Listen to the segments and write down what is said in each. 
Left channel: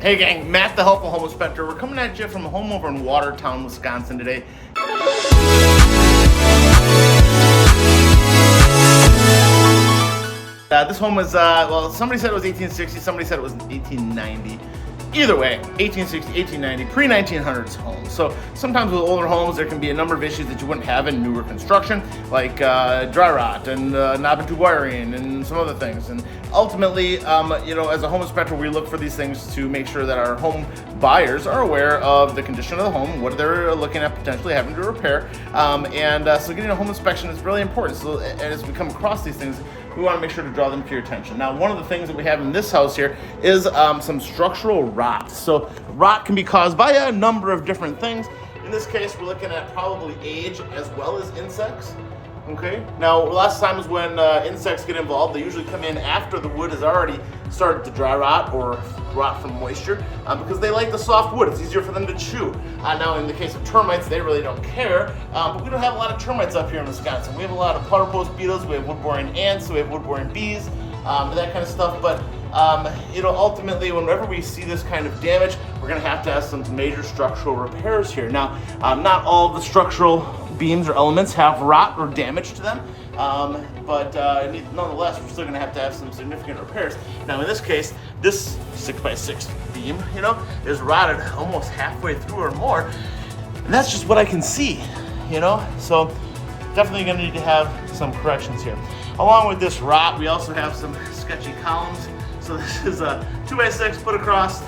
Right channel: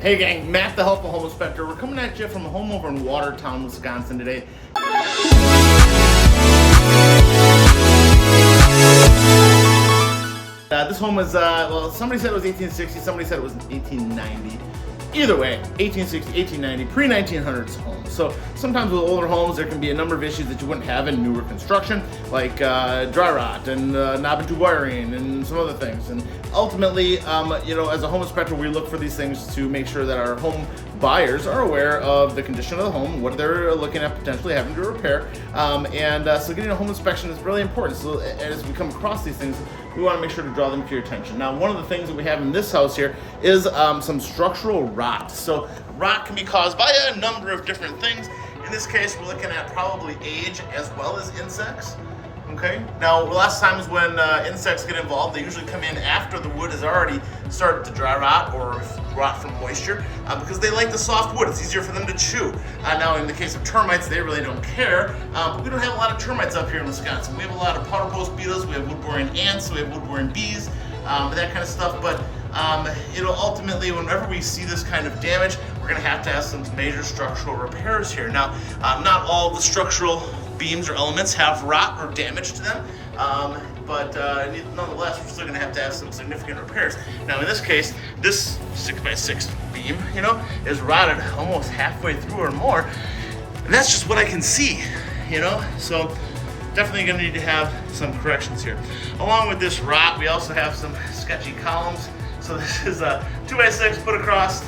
Hey gang, Matt the Helpful Home Inspector. We're coming at you from a home over in Watertown, Wisconsin today. This home was, well, somebody said it was 1860, somebody said it was 1890. Either way, 1860, 1890, pre-1900s homes. So sometimes with older homes, there can be a number of issues that you wouldn't have in newer construction, like dry rot and knob and tube wiring and some other things. And ultimately, as a home inspector, we look for these things to make sure that our home buyers are aware of the condition of the home, what they're looking at potentially having to repair. So getting a home inspection is really important. So as we come across these things, we want to make sure to draw them to your attention. Now, one of the things that we have in this house here is some structural rot. So rot can be caused by a number of different things. In this case, we're looking at probably age as well as insects. Okay. Now, lots of times when insects get involved, they usually come in after the wood has already started to dry rot or rot from moisture because they like the soft wood. It's easier for them to chew. Now, in the case of termites, they really don't care, but we don't have a lot of termites up here in Wisconsin. We have a lot of puddle post beetles, we have wood-boring ants, we have wood-boring bees, that kind of stuff. But ultimately, whenever we see this kind of damage, we're going to have some major structural repairs here. Now, not all of the structural beams or elements have rot or damage to them, but nonetheless, we're still going to have some significant repairs. Now, in this case, this 6x6 beam, is rotted almost halfway through or more, and that's just what I can see, So definitely going to need to have some corrections here. Along with this rot, we also have some sketchy columns. So this is a 2x6 put across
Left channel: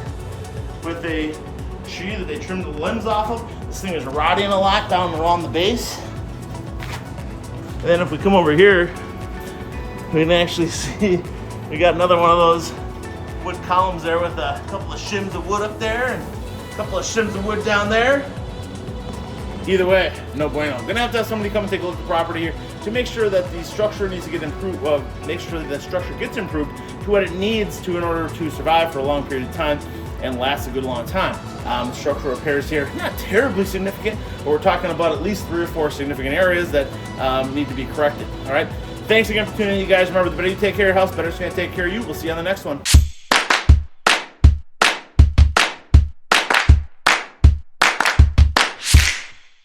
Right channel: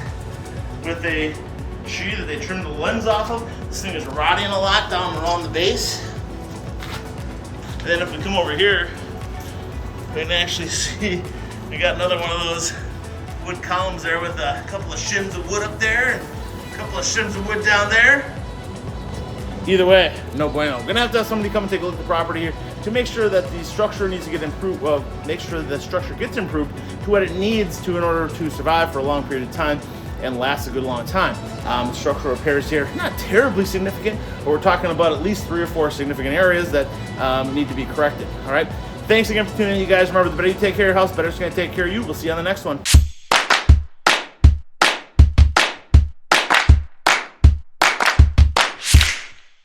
with a tree that they trimmed the lens off of. This thing is rotting a lot down around the base. And then if we come over here, we can actually see we got another one of those wood columns there with a couple of shims of wood up there and a couple of shims of wood down there. Either way, no bueno. We're gonna have to have somebody come and take a look at the property here to make sure that the structure needs to get improved. Well, make sure that the structure gets improved to what it needs to in order to survive for a long period of time and last a good long time. Structural repairs here, not terribly significant, but we're talking about at least 3 or 4 significant areas that need to be corrected. All right. Thanks again for tuning in, you guys. Remember, the better you take care of your house, the better it's going to take care of you. We'll see you on the next one.